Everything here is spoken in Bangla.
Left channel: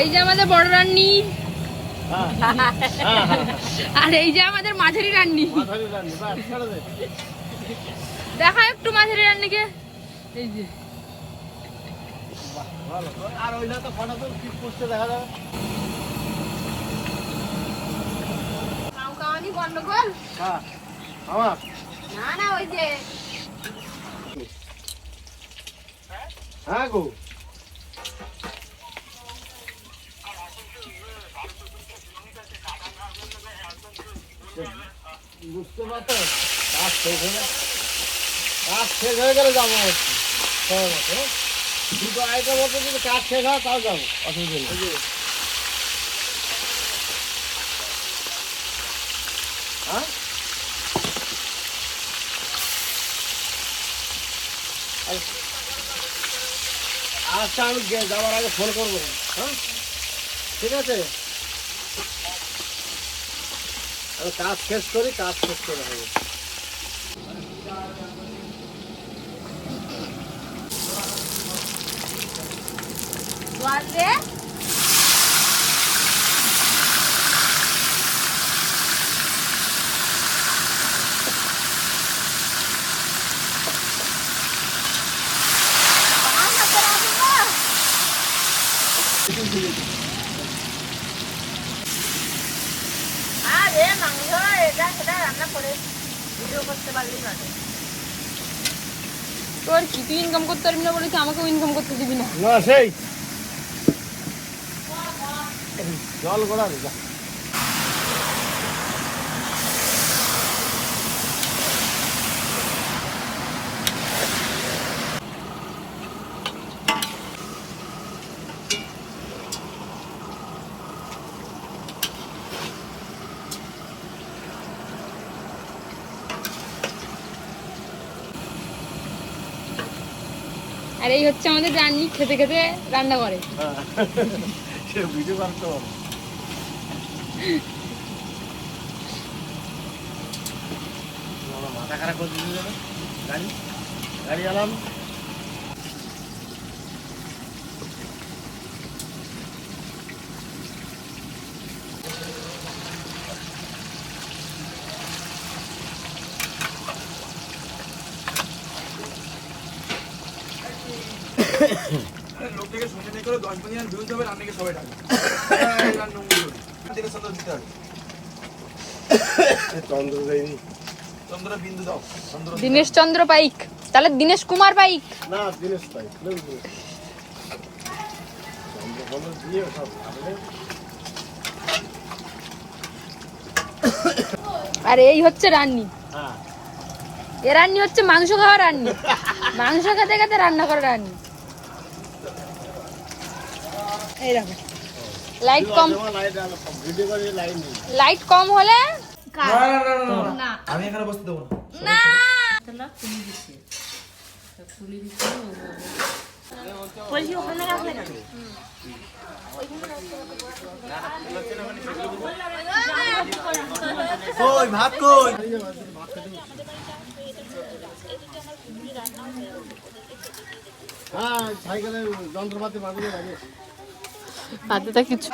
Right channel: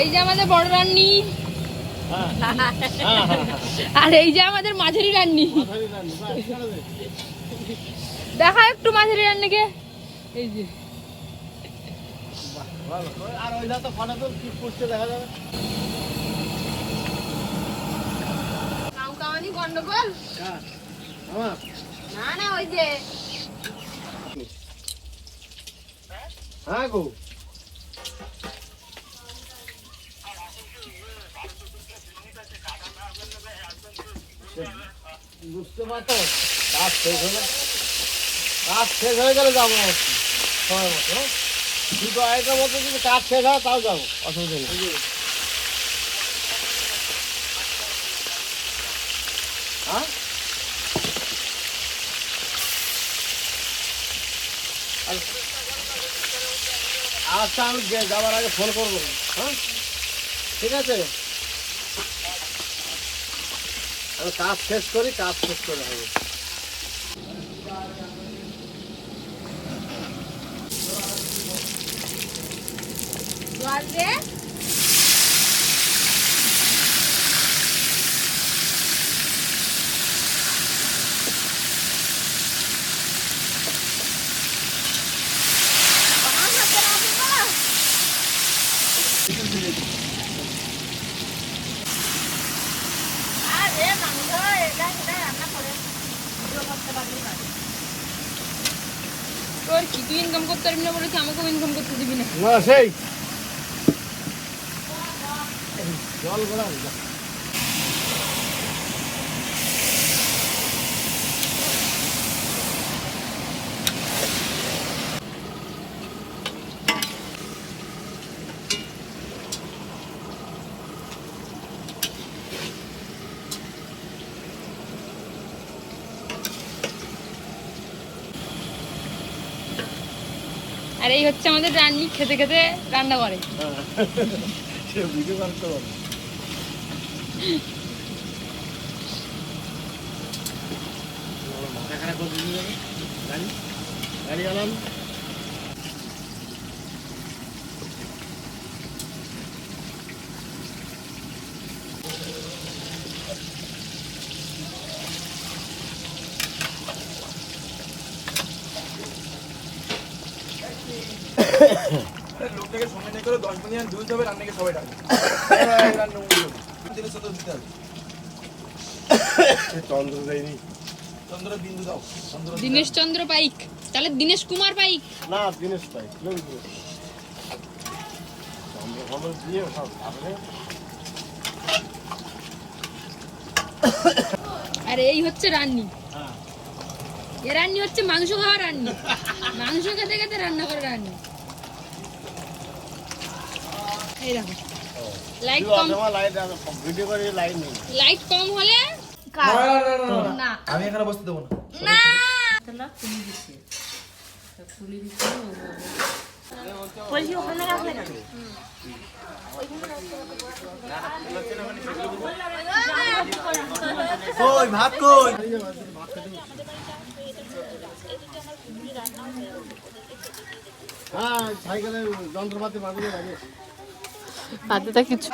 এই যে আমাদের বড় রান্নি, আর এই যে আমাদের মাঝারি রান্নি। দেখা একটু মাঝারি রান্নিকে, এই যে গন্ডগোল না না, ওই যে হ্যাঁ গো বুঝতে পারছো, কাজ শেষ হয়ে গেলে যাবো দুটো আইটের মধ্যে যদি কাজ শেষ হয় তাও যাবো, অসুবিধা নেই। হ্যাঁ আচ্ছা, আমি যাওয়ার আগে ফোন করবো। হ্যাঁ ঠিক আছে, আমি কাজ শেষ করি, কাজ শেষ করে হবে। তোর কি, তুই ইনকাম করতে পারবি না বলে কি আমাকেও ইনকাম করতে দিবি না? না সেই জল গড়া আর এই হচ্ছে আমাদের রান্নি, খেতে খেতে রান্না করে। ভিডিও করতে মাথা খারাপ করে দিয়ে যাবে। গাড়ি গাড়ি আলাম লোকটাকে সময় করে 10 মিনিট দুধ হবে, রান্নাকে সবাই ডাকে। চন্দ্র দেয়নি, চন্দ্র বিন্দু দাও, চন্দ্র দীনেশ চন্দ্র পাইক, তাহলে দীনেশ কুমার পাইক। না দিনেশ পাই চন্দ্র ফন্দ্র দিয়ে সব। আর এই হচ্ছে রান্নি, হ্যাঁ এ রান্নি হচ্ছে মাংস খাওয়া রান্নি, মাংস খেতে খেতে রান্না করা রান্নি। এই দেখো লাইট কম, লাইট কম হলে না, আমি এখানে বসতে দেবো না কই ভাত কই? হ্যাঁ সাইকেলে যন্ত্রপাতি বাঁধিয়ে লাগে। হাতে তা কিছু